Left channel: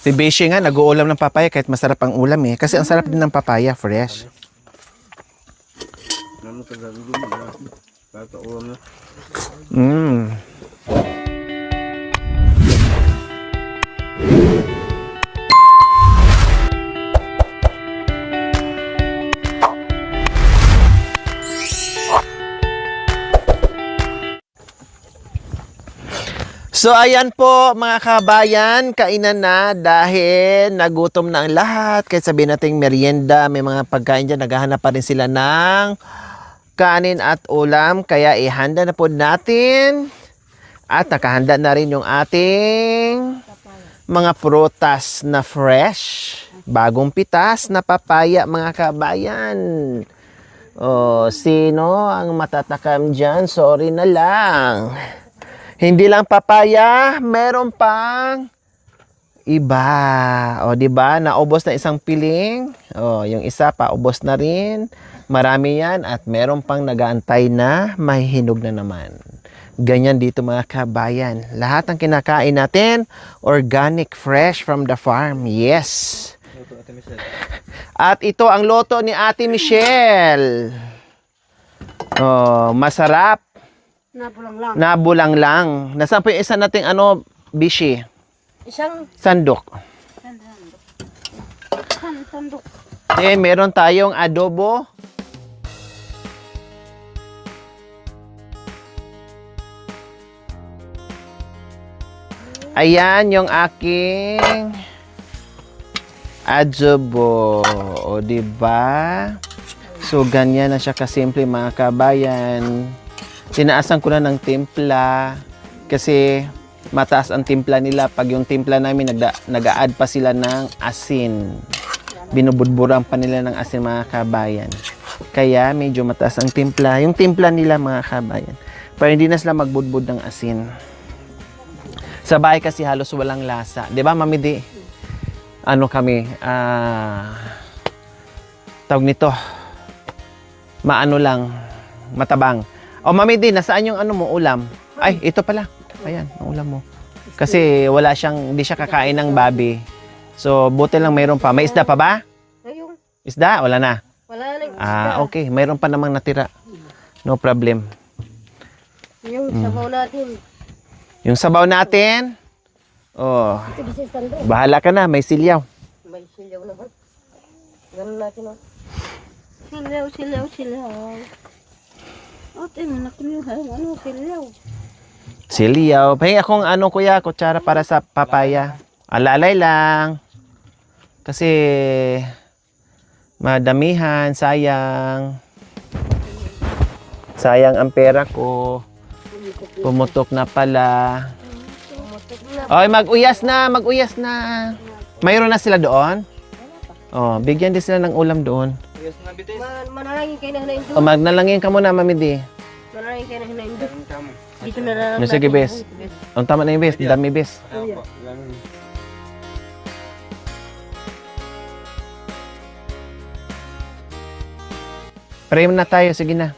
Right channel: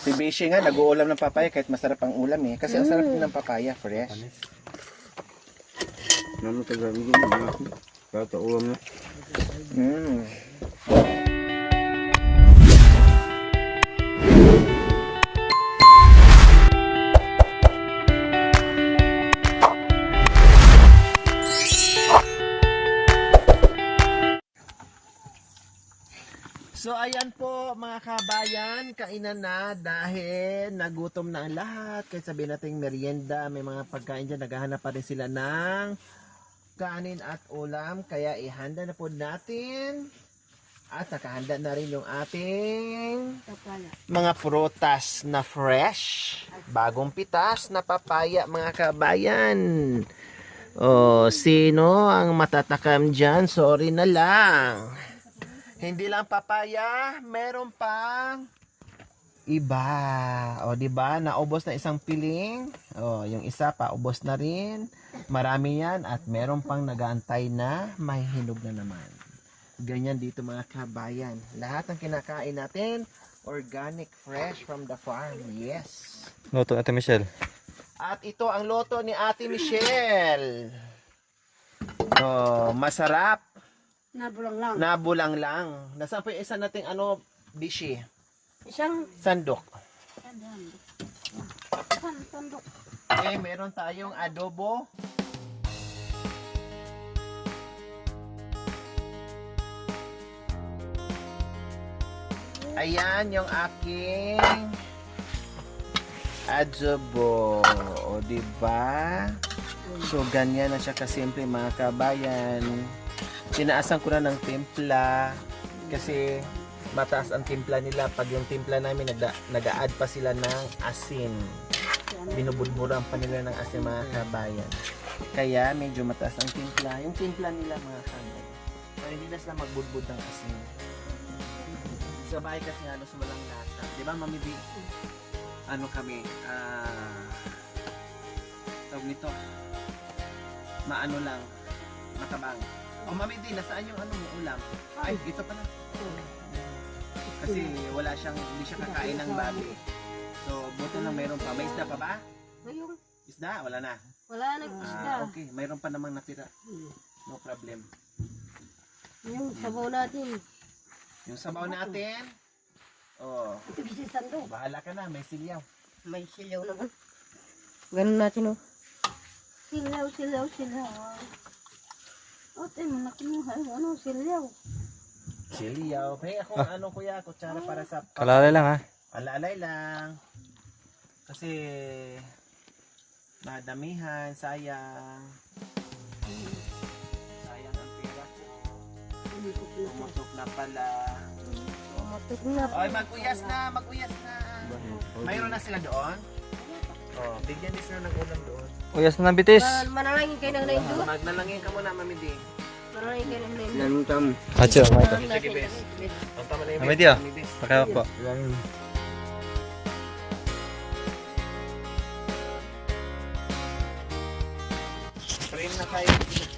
Si Beshi nga, nag-uulam ng papaya kahit masarap ang ulam eh. Kasi ang sarap din ng papaya, fresh. Mm. So ayan po mga kabayan, kainan na dahil nagutom na ang lahat. Kahit sabihin natin merienda, may mga pagkain dyan, naghahanap pa rin sila ng kanin at ulam. Kaya ihanda na po natin at nakahanda na rin yung ating mga prutas na fresh. Bagong pitas na papaya mga kabayan. Oh, sino ang matatakam dyan? Sorry na lang. Hindi lang papaya, meron pang iba. O, di ba? Naubos na isang piling. O, yung isa pa, ubos na rin. Marami yan at meron pang nagaantay na mahihinog na naman. Ganyan dito mga kabayan. Lahat ng kinakain natin, organic, fresh from the farm. Yes. Loto Ate Michelle. At ito ang loto ni Ate Michelle. Oh, masarap. Nabulang lang. Nabulang lang. Nasaan po yung isa nating Bishi? Isang Sandok. sandok. Eh, meron tayong adobo. Ayan yung aking adobo. O, diba? So, ganyan na siya kasimple mga kabayan. Sinaasan ko na ng timpla kasi mataas ang timpla nila. Pag yung timpla namin, nag-a-add pa sila ng asin. Binubudburan pa nila ng asin mga kabayan. Kaya medyo mataas ang timpla. Yung timpla nila mga kabayan. Pero hindi na sila magbudbud ng asin. Sa bahay kasi halos walang lasa. Di ba, Mami Di? Ano kami? Tawag nito. Maano lang. Matabang. O, Mami Di, nasaan yung ulam? Ay, ito pala. Ayan, ang ulam mo. Kasi wala siyang, hindi siya kakain ng babi. So, buti lang mayroon pa. May isda pa ba? Ayun. Isda? Wala na. Wala na. Okay. Mayroon pa namang natira. No problem. Yung sabaw natin. Yung sabaw natin. Oh, Ito di sa sandok. bahala ka na. May silyaw. May silaw naman. Ganun natin o. Silaw, silaw, silaw. O, tinanak niyo ha. Ano, silaw. Silyaw. Pahingi akong kuya, kutsara para sa papaya. Alalay lang. Kasi madamihan, sayang. Sayang ang pera ko. Pumutok na pala. Oy, mag-uyas na, mag-uyas na. Mayroon na sila doon? Oh, bigyan din sila ng ulam doon. Uyas na ng bitis. Manalangin kayo ng nainyo. O, magnalangin ka muna, Mami Di. Manalangin kayo ng nainyo. Acho, sige, bes. Ang tama na yung bes, dami bes. Pakaya po. Pray na tayo, sige na.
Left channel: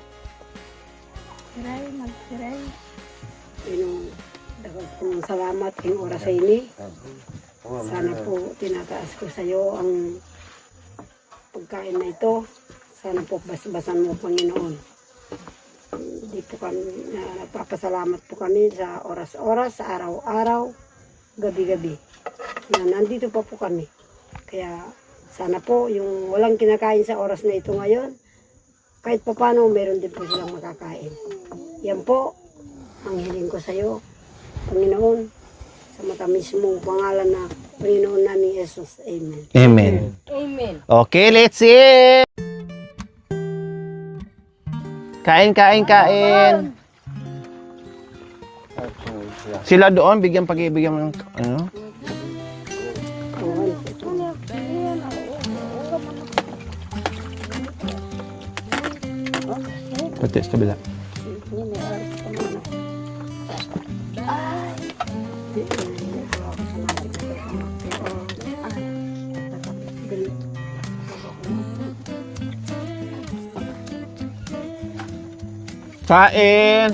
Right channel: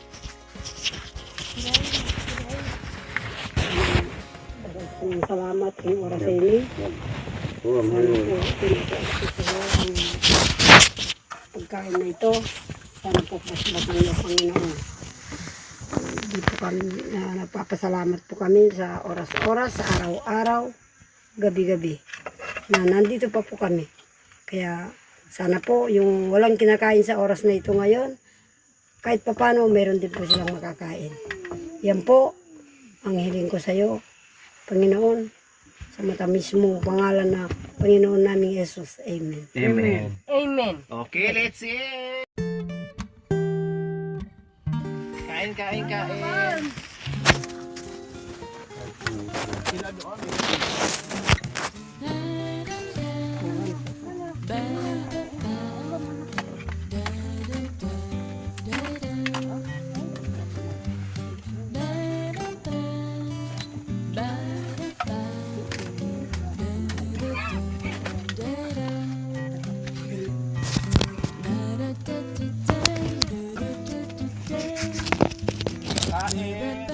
Salamat ang oras sa ini. Sana po pinataas ko sa iyo ang pagkain na ito. Sana po basbatan niyo, Panginoon. Dito kami, nagpapasalamat po kami sa oras-oras, sa araw-araw, gabi-gabi. Na nandito pa po kami. Kaya sana po yung walang kinakain sa oras na ito ngayon, kahit pa paano meron din po silang makakain. Yan po ang hiling ko sa iyo, Panginoon, sa matamis mong pangalan na Panginoon namin Jesus. Amen. Amen. Amen. Okay, let's eat! Kain, kain, kain. Sila doon, bigyan pag-ibigyan ng Pati, sa kabila. Kain!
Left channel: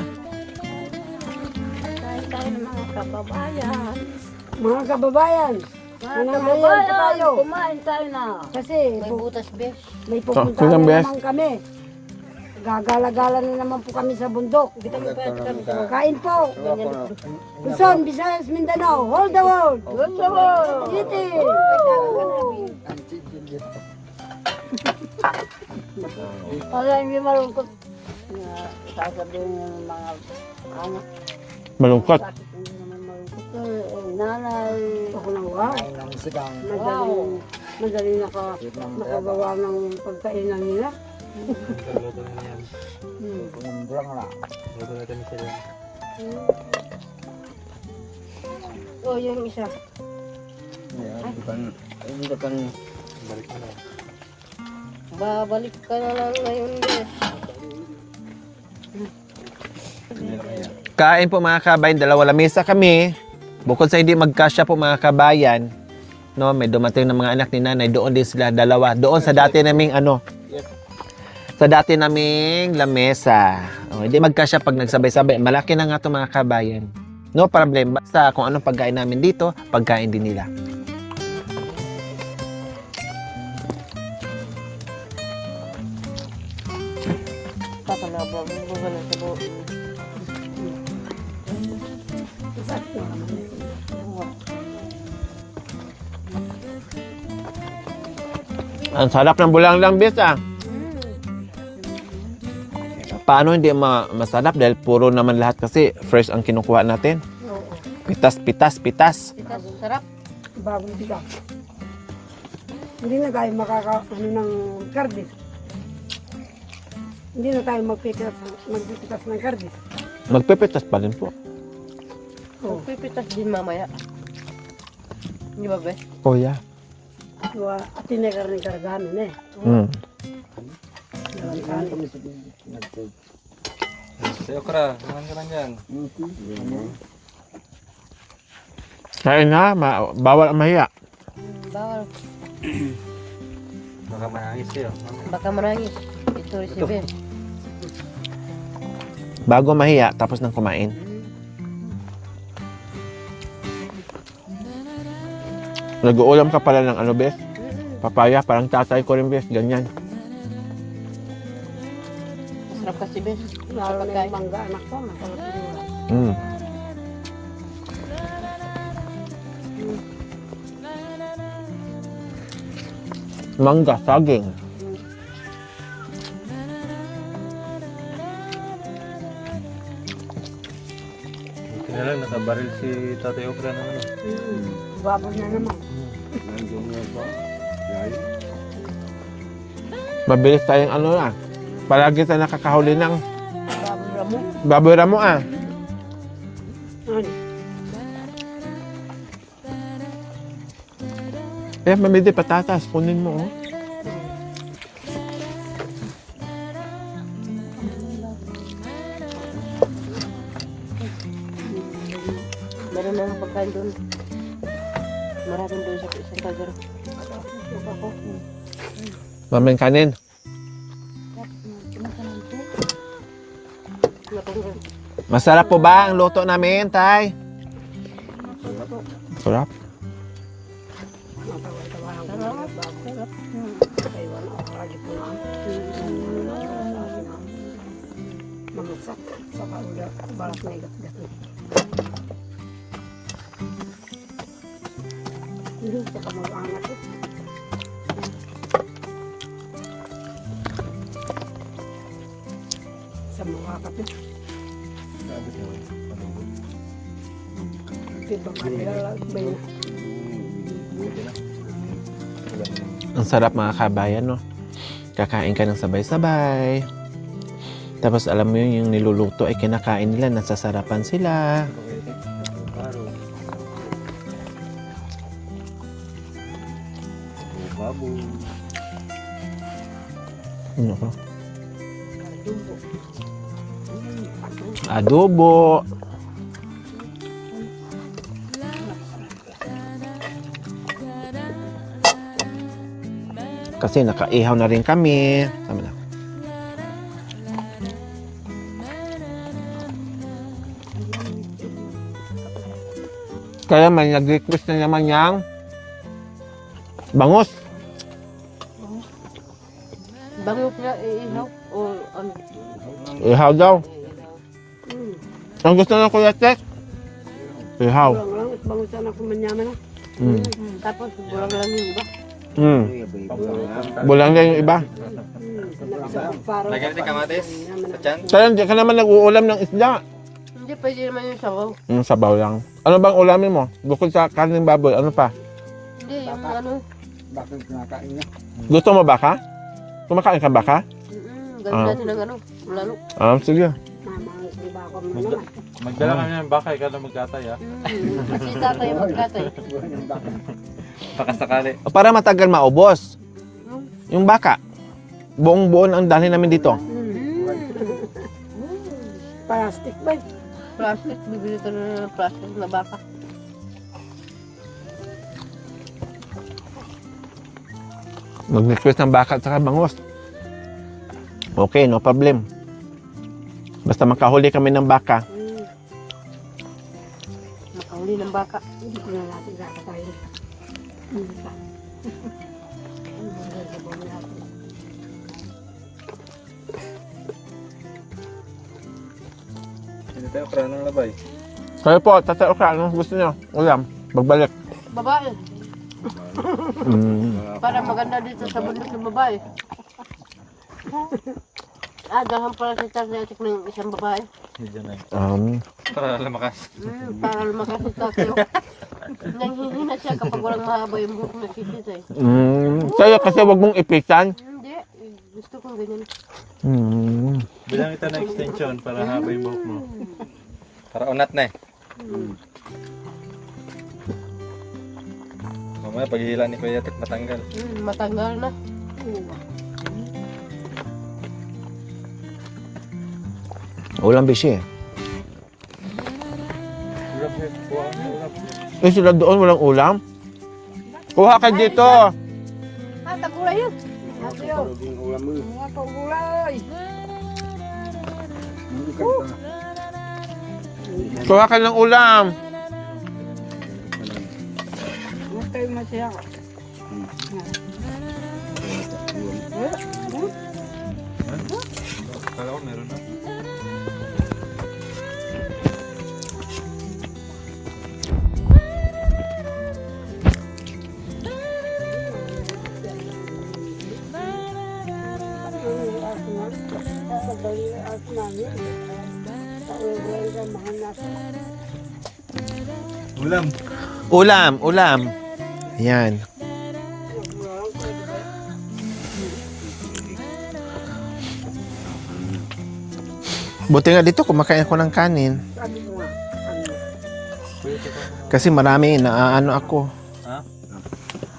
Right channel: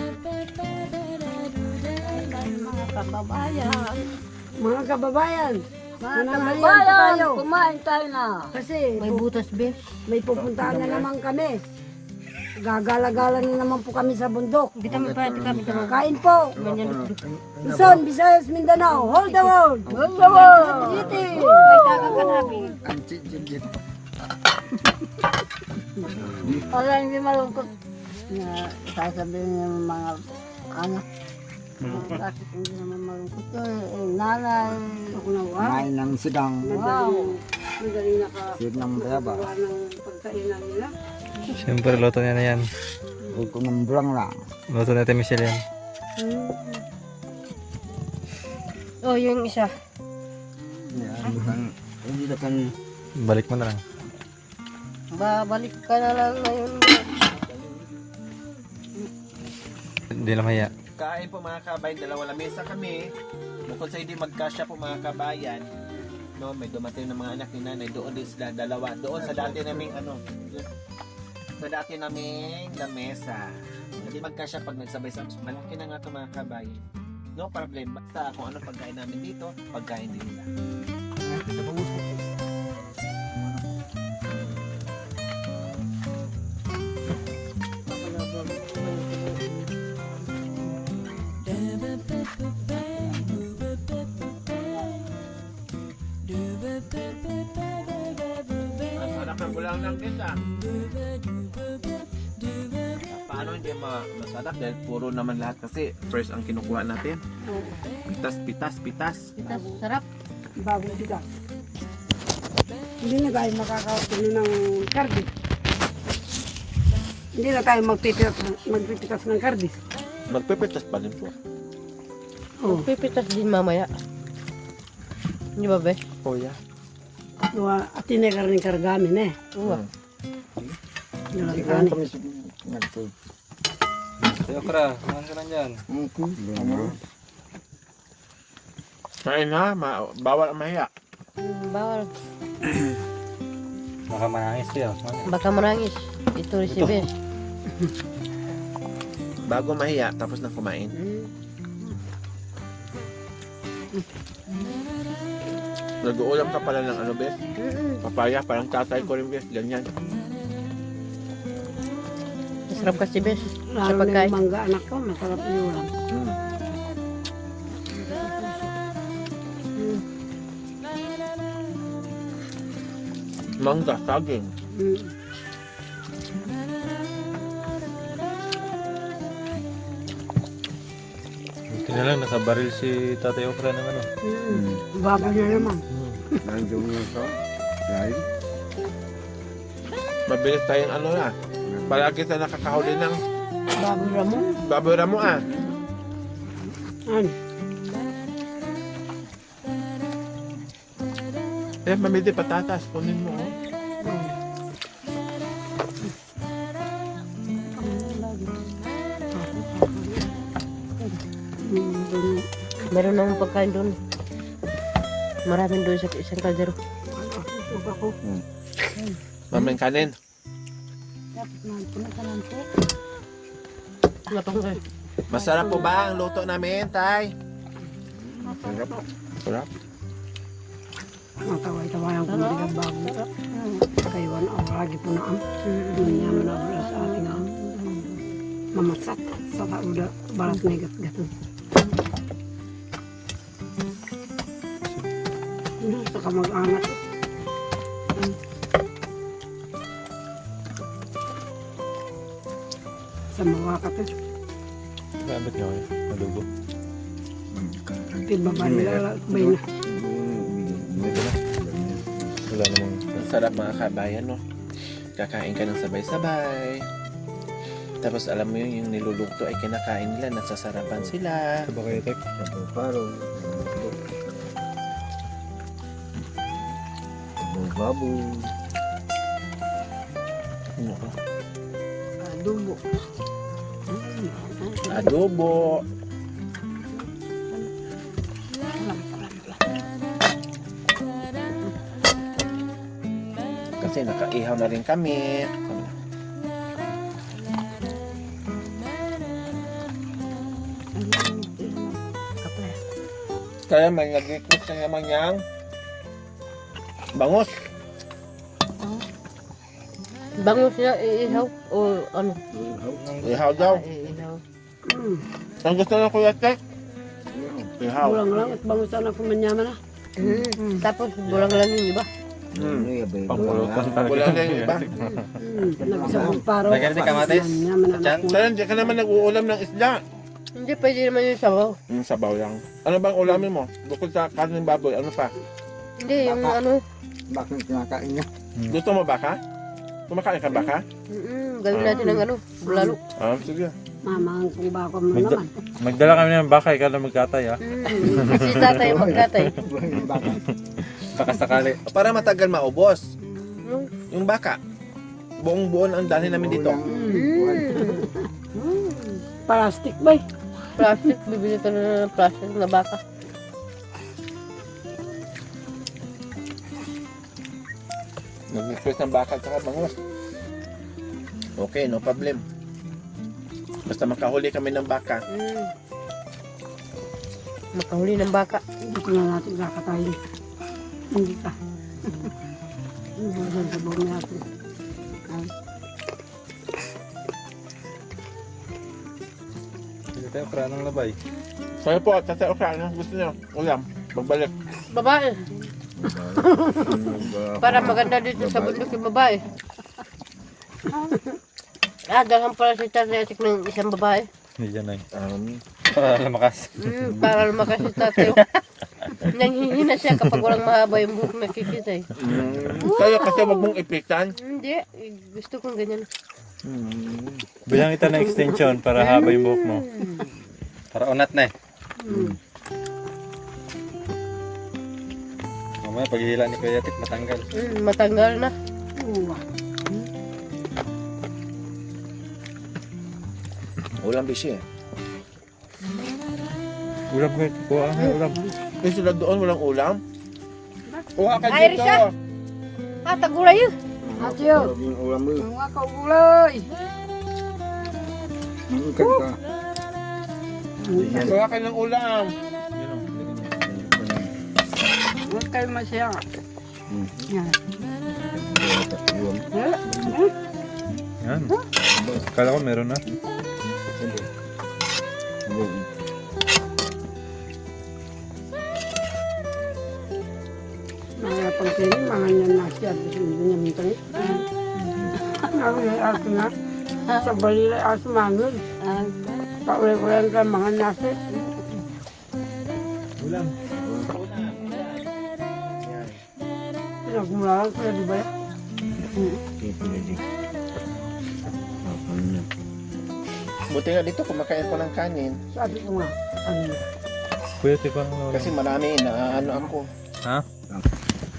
Mga kababayan, Nananghalian pa tayo. Kumain tayo na. Kasi May butas, be. may pupunta sige, na Bes. naman kami. Gagala-gala na naman po kami sa bundok. Kita mo pa kami. Kain po. Luzon, Visayas, Mindanao. Hold the world. Good to go. City. May tagang kanabi. Para hindi malungkot. Sasabihin yung mga anak. Malungkot. Bakit hindi naman malungkot? Nanay. Ako lang, wow. Ay, nang sigang. Madaling nakagawa ng pagkainan nila. Siyempre, luto niya na yan. Ang pumambrang na. Luto natin Michelle yan. Oh, yung isa. Hindi na kan. Balik mo na lang. Babalik ka na lang ngayon. Hindi na mahiya. Kain po mga kabayan, dalawa lamesa kami. Bukod sa hindi magkasya po mga kabayan, no, may dumating ng mga anak ni nanay, doon din sila dalawa. Doon sa dati naming lamesa. Oh, hindi magkasya pag nagsabay-sabay. Malaki na nga to mga kabayan. No problem. Basta kung anong pagkain namin dito, pagkain din nila. Ang sarap ng bulanglang bis ah. Paano hindi masarap dahil puro naman lahat kasi fresh ang kinukuha natin. Pitas. Sarap. Bagong bigas. Hindi na tayo makakapuno ng kardi. Hindi na tayo magpitikas ng kardi. Magpipitas pa rin po. Oh. Pipitas din mamaya. Hindi ba, be? Oh yeah. Tinegar ng kargamin eh. Sayo kra, kumain ka lang yan. Kain na, bawal ang mahiya. Bawal. Baka manangis siya. Baka manangis. Ito rin si Bes. Bago mahiya, tapos nang kumain. Nag-uulam ka pala ng ano, Bes? Papaya, parang tatay ko rin, Bes. Ganyan. Masarap kasi Bes. Sa Lalo na pagkain. yung mangga anak ko, masarap yun. Mm. Mangga, saging. Buti na lang, nakabaril si Tatay Okra ng ano. Baba niya naman. Mabilis tayong ano na. Palagi tayo nakakahuli ng Babura mo. baboy ramo ah. Ano? Mamidi patatas, kunin mo. Oh. Meron nang pagkain doon. Maraming doon sa isang kaldero. Mamin kanin. Wala pang doon. Masarap po ba ang luto namin, Tay? Sarap. Ang tawa-tawa lang kung pinagbago. Kaiwan o lagi po na ang yan na para sa atin ang mamagsat sa kaula barat na gat-gato. Gusto ka mag-anak. Sa mga kapit. Gamit nyo kayo. Nalubo. Iba ba nila lakbay na. Wala naman. Ang sarap mga kabayan, no? Kakain ka ng sabay-sabay. Tapos alam mo yun, yung niluluto ay kinakain nila, nasasarapan sila. Ito ba kayo, Tek? Paro. Babu. Ano ka? Adobo. Adobo. Kasi nakaihaw na rin kami. Sabi na. Kaya may nag-request na naman yang Bangos. Bango siya, iihaw. O ano? Ihaw daw. Iihaw. Ang gusto na Kuya Tek? Ihaw. Kulang lang at bangusan ako manyaman na. Tapos bulang lang yung iba. Pangpulutan pa. Bulang na yung iba. Nabisa kong paro. Lagyan din kamatis. Manyaman na. Chan? Kaya hindi ka naman nag-uulam ng isda. Hindi, pwede naman yung sabaw. Yung sabaw lang. Ano bang ulamin mo? Bukod sa kaning baboy, ano pa? Hindi, yung ano. Bakit kinakain niya? Gusto mo baka? Kumakain ka baka? Gawin natin ng ano, lalo. Sige. Mama, di ba ako mo naman? Magdala kami ng baka, ikaw na magkatay ha. Kasi tatay, magkatay. Pakasakali. Para matagal maubos. Yung baka. Buong buon ang dalhin namin dito. Plastic ba? Plastic, bibili ka na ng plastic na baka. Mag-request ng baka at saka bangos. Okay, no problem. Basta makahuli kami ng baka. Makahuli ng baka. Hindi ko na natin kakatayin. Hindi ka. Hindi ko na sabaw natin. Hindi tayo pranang labay. Kaya po, tatay Okra, ano gusto niyo? Ulam, magbalik. Babae. Para maganda dito sa bundok yung babae. Dahan pala si tatay atik ng isang babae. Hindi dyan eh. Um, Para lumakas. Para lumakas si tatay. Nanghihina siya kapag walang mahaba yung buhok nakikita eh. kaya kasi wag mong ipitan. Hindi, gusto kong ganyan. Bilang kita ng extension para haba yung buhok mo. Para unat na eh. Mamaya paghihila ni Kuya Tek matanggal. Matanggal na. Ulam bisi eh. Ulam ko kuha ang ulam. Eh sila doon walang ulam. Kuha ka dito. Tagulay yun. Adyo. Yung ulam mo. Mga kagulay. Kuha ka ng ulam. Huwag kayo masaya. Yan. Yan. Kala ko meron na. Mga pagkain, mga nanasya. Ano may aso na? Sa balila aso mangon. Pawe-wean ka mga nasa. Ulam. Ulam. Yan. Nagmula ka, di ba? Buti nga dito kumakain ko ng kanin. Sabi ko nga. Ano? Kuya Tek ano? Kasi marami naaano ako. Ha?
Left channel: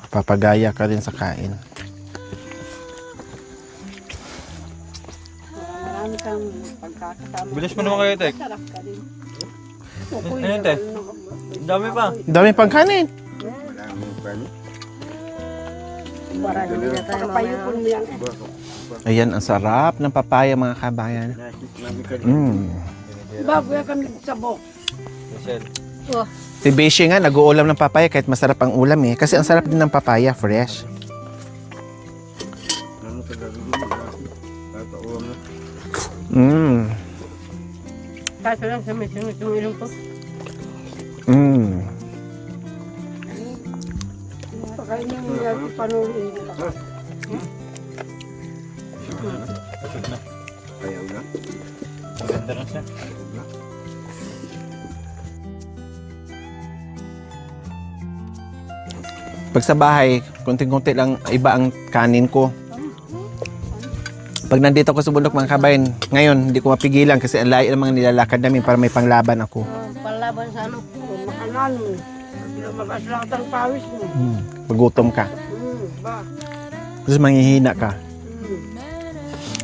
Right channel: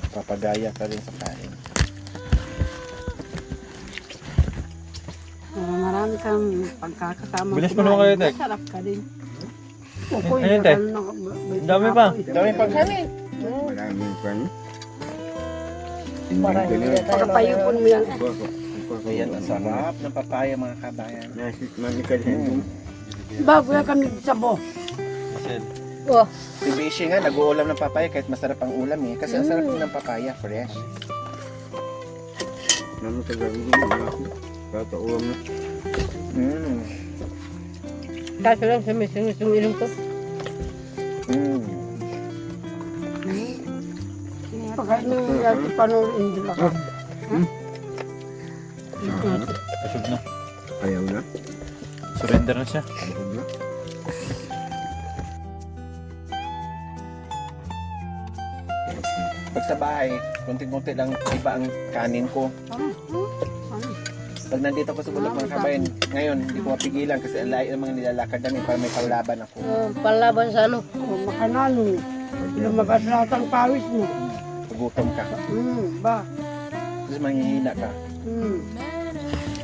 Papagaya ka rin sa kain. Marami kang pagkakasama. Bilis mo naman kayo, Tek. Masarap ka din. Ayun, Tek. Dami pa. Dami pang kanin. Maraming pan. Para hindi na tayo Pagpayupon mo yan. Ayan, ang sarap ng papaya mga kabayan. Masikal. Ba, kuya kami sa bo. Oh, Si Beshi nga, nag-uulam ng papaya kahit masarap ang ulam eh. Kasi ang sarap din ng papaya, fresh. Naman sa gabi. Bata ulam na. kaso lang sa misingit yung ilong ko. Pagkain nyo yung panong hindi pa ka. Busog na. Ayaw na. Surrender na siya. Ayaw na. Pag sa bahay, konting-konti lang iba ang kanin ko. Pag nandito ako sa bundok mga kabayan, ngayon hindi ko mapigilan kasi ang layo ng mga nilalakad namin para may panglaban ako. Panlaban sa ano. Makanan mo. Lumagas lahat ang pawis mo. Pagutom ka. Ba? Tapos manghihina ka.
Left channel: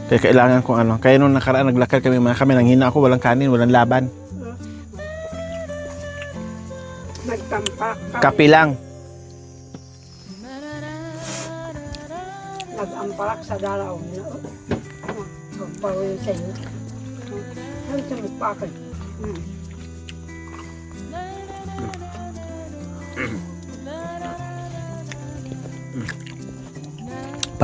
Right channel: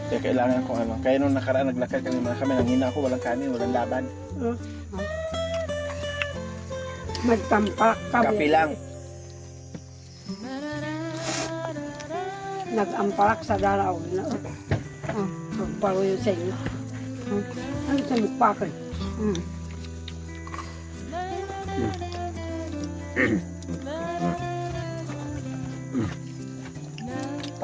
Kaya kailangan kong ano. Kaya nung nakaraan naglakad kami mga kami, nanghina ako, walang kanin, walang laban. Nagtampa. Kape lang. Nag-ampak sa dalaw. Pagpawin sa inyo. Ano sa mukha ko?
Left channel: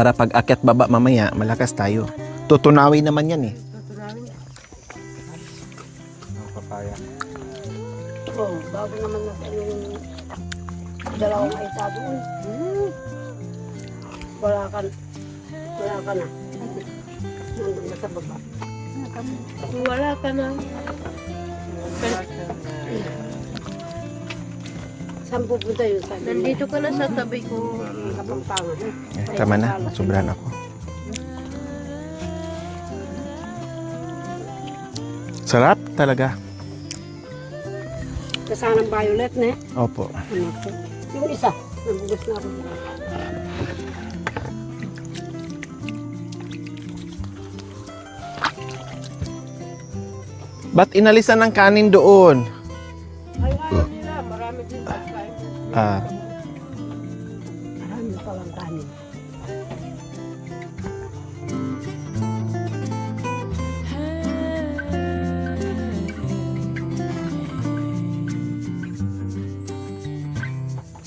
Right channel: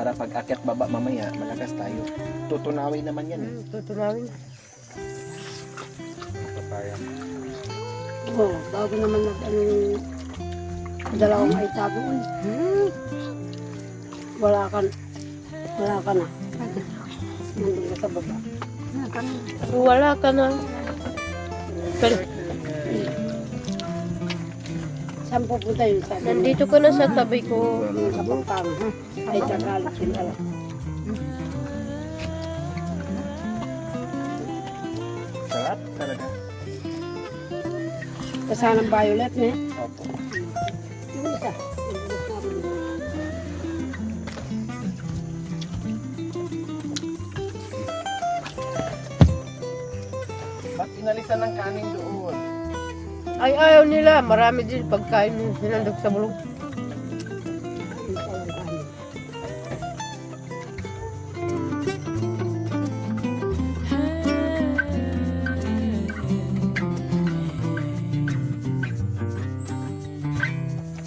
Para pag akyat baba mamaya, malakas tayo. Tutunawin naman yan eh. Tutulawin. Papaya. Oh, bago naman dalawang ay tago eh. Wala ka na. Nandun na sa baba. Kung wala ka na. Pero, Saan pupunta yun? Saan? nandito ka na sa tabi ko. Kapagpama, ha? Tama na, sobra na. Sarap talaga. Kasanang violet na eh. Opo. Yung isa. Nabugas na rin. Ba't inalisan ng kanin doon? Ay, ayaw nila. Marami din pagkain nila sa bulong.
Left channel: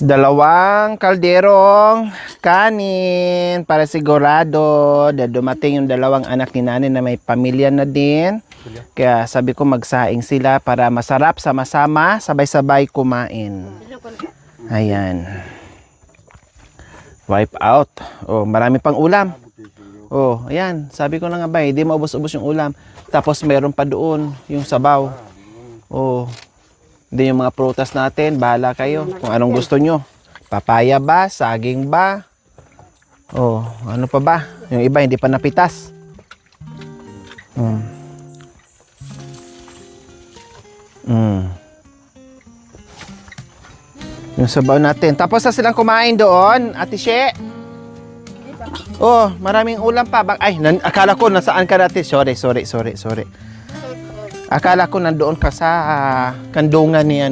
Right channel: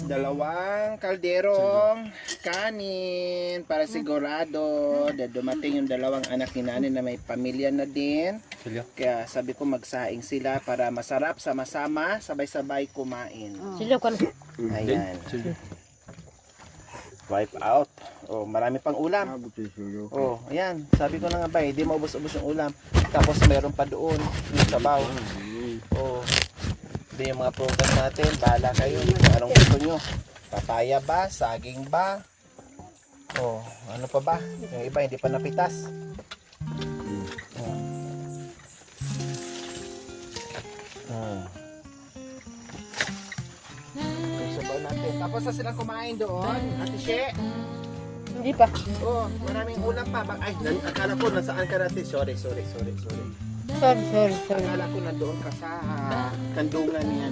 Dalawang kalderong kanin para sigurado na dumating yung dalawang anak ni nanay na may pamilya na din. Kaya sabi ko magsaing sila para masarap sama-sama, sabay-sabay kumain. Sila ko na. Ayan. Wipe out. Oh, marami pang ulam. Oh, ayan. Sabi ko na nga ba, hindi maubos-ubos yung ulam. Tapos meron pa doon yung sabaw. Oh. Hindi yung mga prutas natin, bahala kayo kung anong gusto nyo. Papaya ba? Saging ba? Oh, ano pa ba? Yung iba hindi pa napitas. Yung sabaw natin. Tapos na silang kumain doon, Ate She. Hindi pa. Oh, maraming ulam pa. Ay, akala ko nasaan ka dati. Sorry. Sorry. Akala ko nandoon ka sa kandungan ni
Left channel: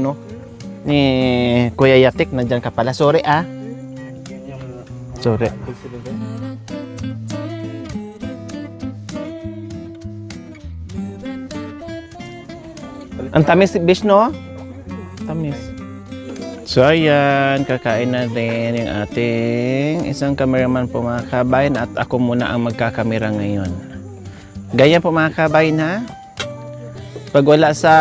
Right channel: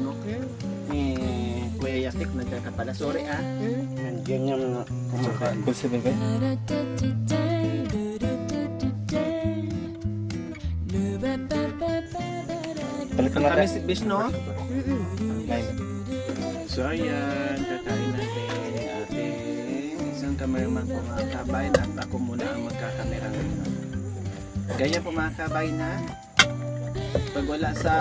ni Kuya Yatik, nandiyan ka pala. Sorry ah. Sorry. Ang tamis, Bish, no? Tamis. So ayan, kakain natin yung ating isang cameraman po mga kabayan at ako muna ang magkakamera ngayon. Ganyan po mga kabayan ha. Pag wala sa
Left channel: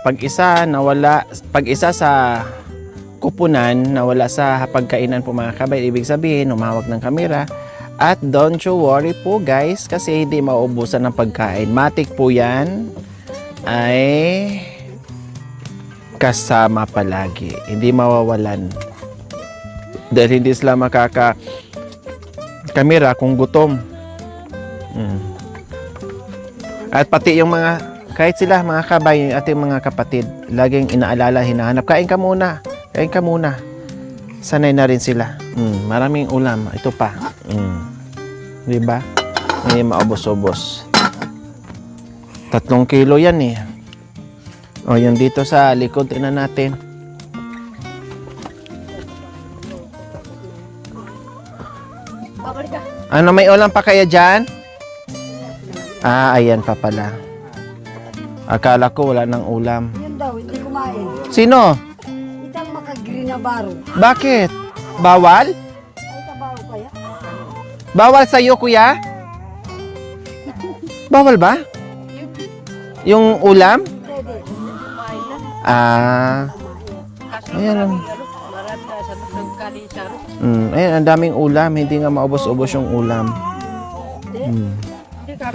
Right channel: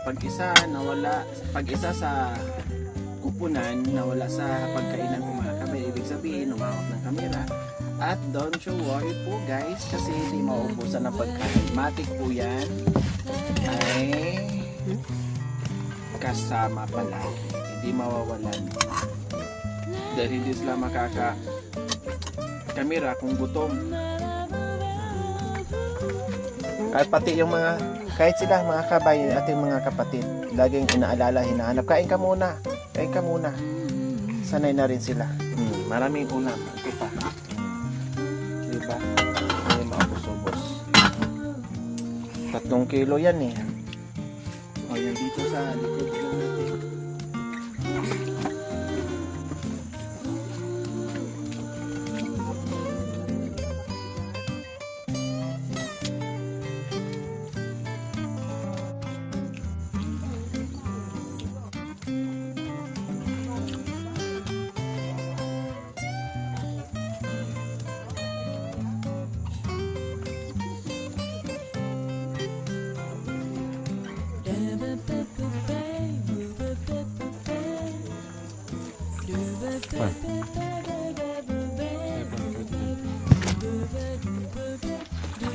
pag-isa sa kupunan, nawala sa pagkainan po mga kabayan, ibig sabihin umawak ng kamera. At don't you worry po guys kasi hindi mauubusan ng pagkain. Matik po yan ay kasama palagi. Hindi mawawalan. Dahil hindi sila kamera kung gutom. At pati yung kahit sila mga kabay, ating mga kapatid, laging inaalala, hinahanap. Kain ka muna. Sanay na rin sila. Maraming ulam. Ito pa. Diba? Hindi maubos-ubos. 3 kilo yan eh. O, yung dito sa likod, tingnan natin. Ano, may ulam pa kaya dyan? Ayan pa pala. Akala ko wala ng ulam. Yan daw, hindi kumain. Sino? Itang makagreen na baro. Bakit? Bawal? Ay, baro kaya? Bawal sa'yo, kuya? Bawal ba? Yung ulam? Ayan. Ayan, ang daming ulam. Hindi nga maubos-ubos yung ulam.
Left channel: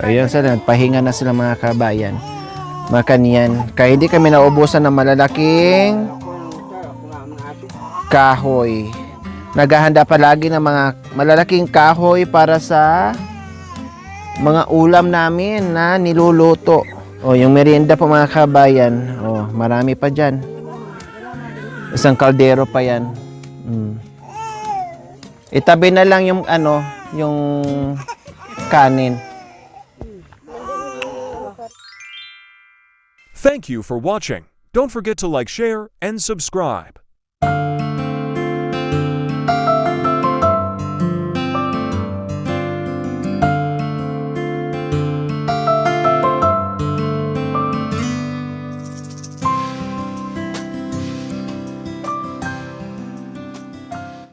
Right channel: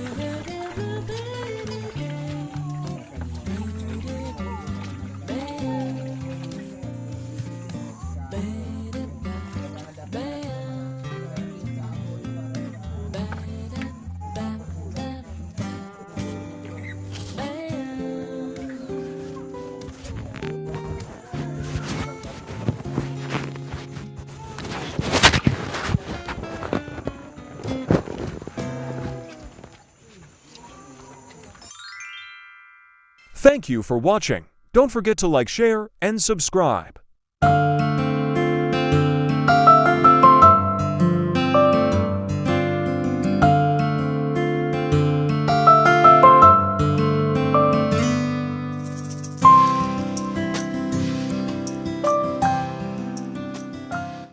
Ayan sila, nagpahinga na sila mga kabayan. Makaniyan. Kaya hindi kami naubusan ng malalaking kahoy. Naghahanda palagi ng mga malalaking kahoy para sa mga ulam namin na niluluto. O, yung merienda po mga kabayan. O, marami pa dyan. Isang kaldero pa yan. Itabi na lang yung yung kanin. Thank you for watching. Don't forget to like, share, and subscribe.